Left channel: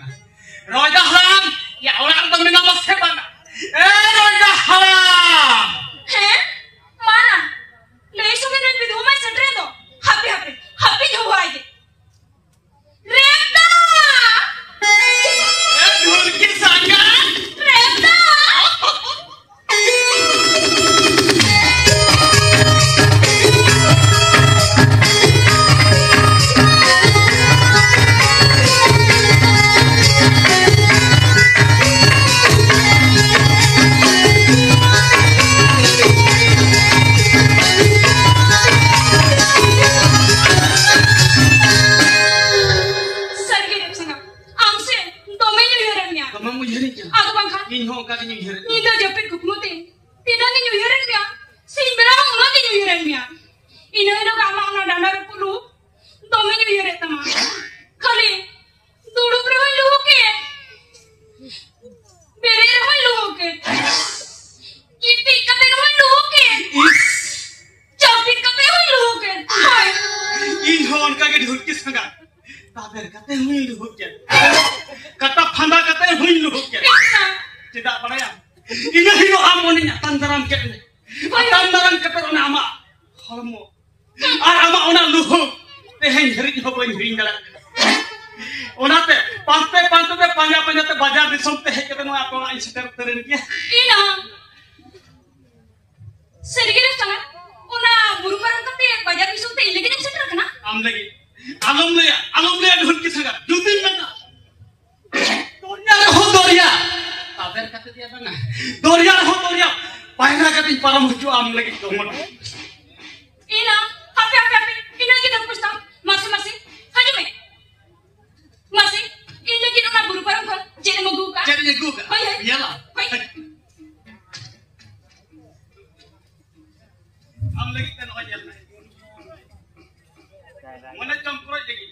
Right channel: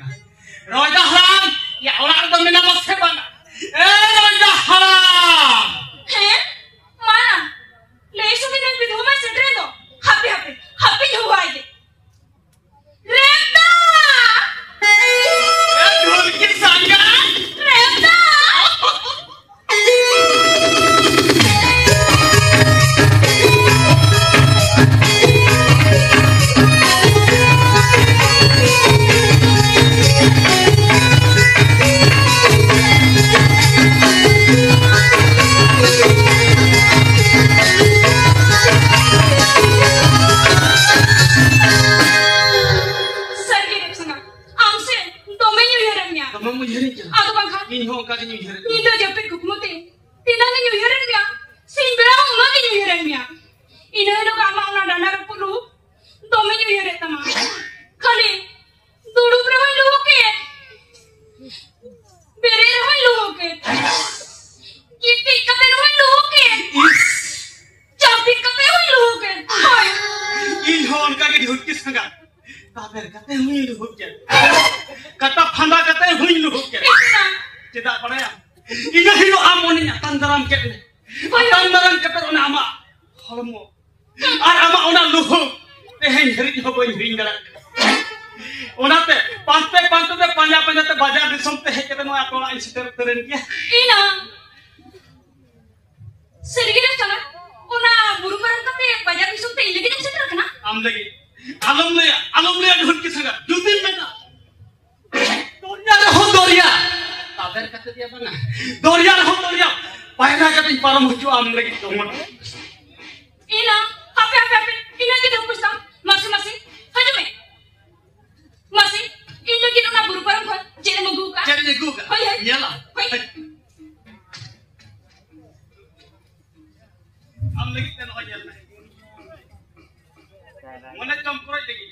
kena. Raja haram, ya orang itu mina masih bana. Raja haram. Mana? Lesu kita video mai setre do. Happy juga aja. Reta. Dulu kisah kan? Reta. Ini hong kaki New Year. Ini dah jepit kukmute. Tidak ni New Year ni ya. Sin berang mana New Year ni ya. Ini ada kamar mana dana repulu. Domi New Year tama. Kali dulu berapa lu ke? Beri berapa lu ke? Kiti kata berapa lu ke? Jepit kata berapa lu ke? Ini hong kaki dihukis sangat. Kabar kata hui dihukis. Kata phanda kata hui dihukis. Tidak pada ya. Ini hidup amoninya tandaram kene. Tandaram kata ona ama. Hormo. Ama ona luhu. Tehen hari ni hobo hiring jalan. Ona te pante te panja te bajar disom te kata no akola insider teren kia. Ina. Sedikit sangat. Ona buru barang kata bajar disom te lagi insider kana? Am lagi. Alum liya dhun ki sangat. Dutin mena. Dunia ho doria. Kabar kata dia mana? Doria. Payah kata para muncul am lagi dongol. Ina, happy. Ina kita kusam. Masih. Haju me. Masih. Ina kita nak buru barang kan? Jadi maguka. Iyalah. Am lagi teno aja. Mana campur lagi?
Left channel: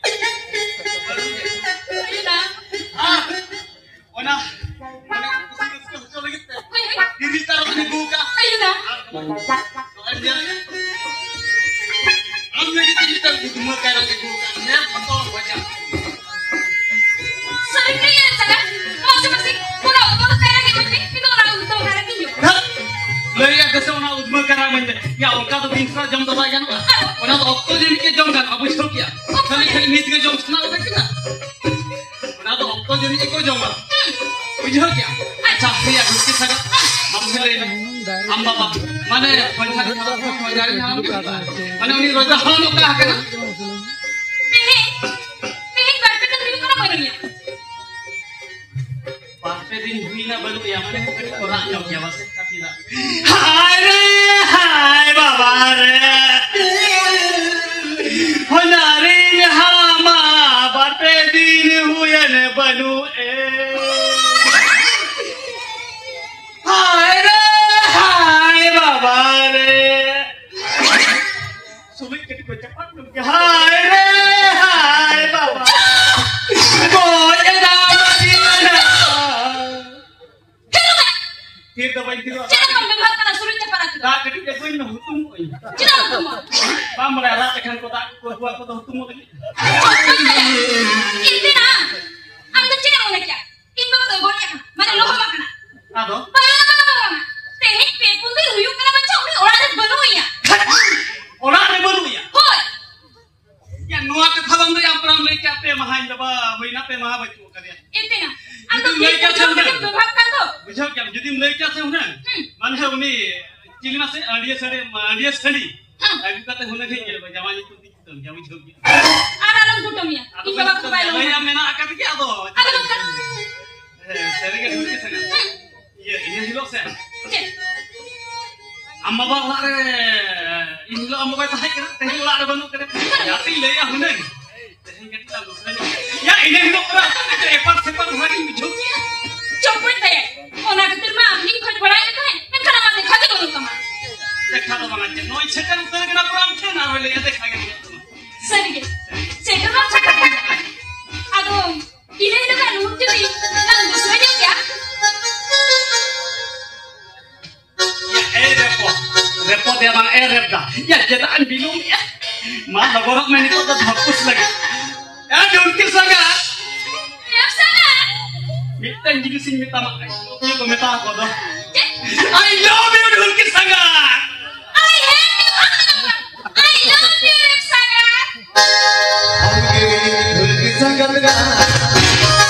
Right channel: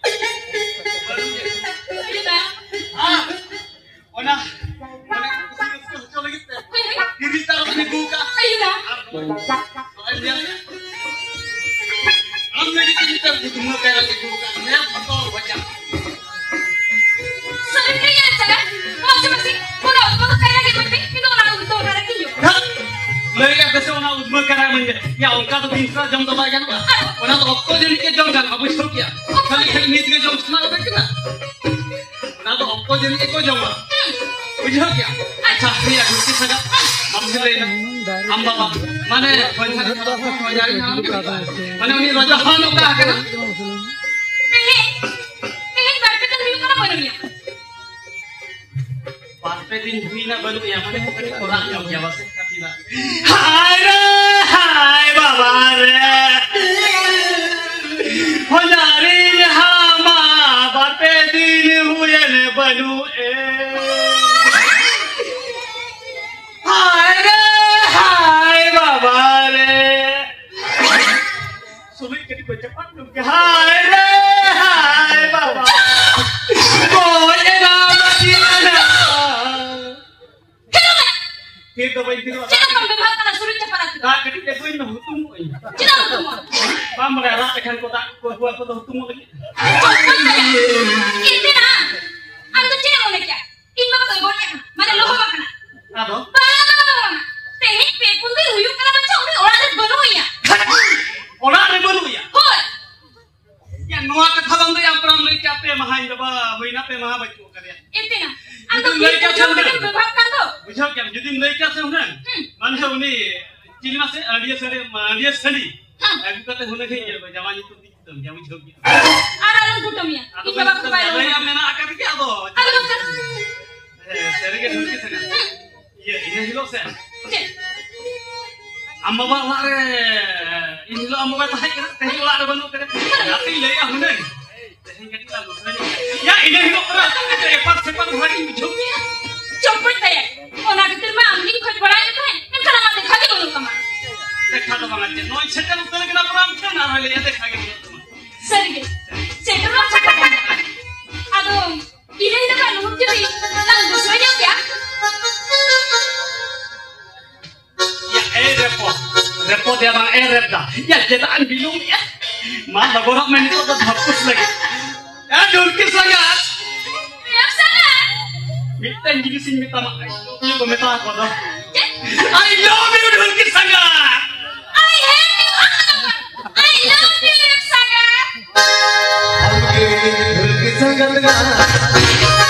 Ina. Ona lagi teh. Diri taruh di buka. Ina. Am lagi kita di muka lagi buka. Ya betul banyak. Sering ni ya sana. Masih. Kuna umur kaya lagi penting. Itu orang untuk orang kinyo. Leya kese ona udma kara manje. Ya onka to binsra jom to bai kan ba. Ona to okko jeni ke jom kan abu shol kiya. Khali mit ke jom sna ba kana. Ona to okko jeni ko jom ba. बुझो क्या अच्छा भैया दूसरी जगह हम भी लेना हम बाबा माने पंचायत खाना को हजार खाना माने उन्हीं रोजा हम लोग का करना नहीं बात पे दिन को ना बोलिए बात पे दिन हुई ना बोलो या माने थोड़ा जम गया बस काफी ना हाय बाबा रे हजारी हम बात पे दिन हुए न बनू ए Hai Baba re. Sulit jadi cepat dong. Hai Baba. Boy nama dia. Kita baik itu. Jangan membebas karena sulit cepat aku. Tak ketika gue nak hukum. Jangan hukum. Pam merela akan kota hukum lagi. Ini nah. Anda cina mau nak? Ini apa tuh boleh kan? Mana loh makan? Aduh. Tehit pekun tu huyuk kena baca orang ada baru ya. Orang ada baru ya. Hoi. Ya nuak katalam tu yang pernah mereka pe mahain daba, mahina pe maha baca kerja. Itu na. Anda mereka jangan berbahas kan tu. Bukan क्या jadi mereka sebenarnya mana ini cili masih dia study aku kata huna kaya zaman itu kita zaman jogi Alam kutumnya itu waktu bayar saya mana akan kia tu ada kan sering ke dulu sana iya ini hilok saya amma bawa re ini hilok amma bawa tahan kena teh hilok ada banu kena nanti leya huna teh kita lalu ya ini hilok orang ada sepat hari jogi Coba saya, orang kecil mah ini kau jual aja kan? Ini kan nama dekatnya dulu kemana? Dekat apa aja? Noi cekal utar kena peram cina nari lihat dekatnya dulu. Sedikit, cekal apa cekal? Aduh, ini kan lucu nih, langsung saja ya. Ya repot ya bang repda. Ya cetaan bilum ya. Mah laborak main itu udah hapus lagi. Ya dulki sangat. Ya sangat. Miteng jadi sing minta mak. Ini kau minta apa dah? I love you Dhulki sangat. I hate you. I love you Sangat. Dhulki sangat.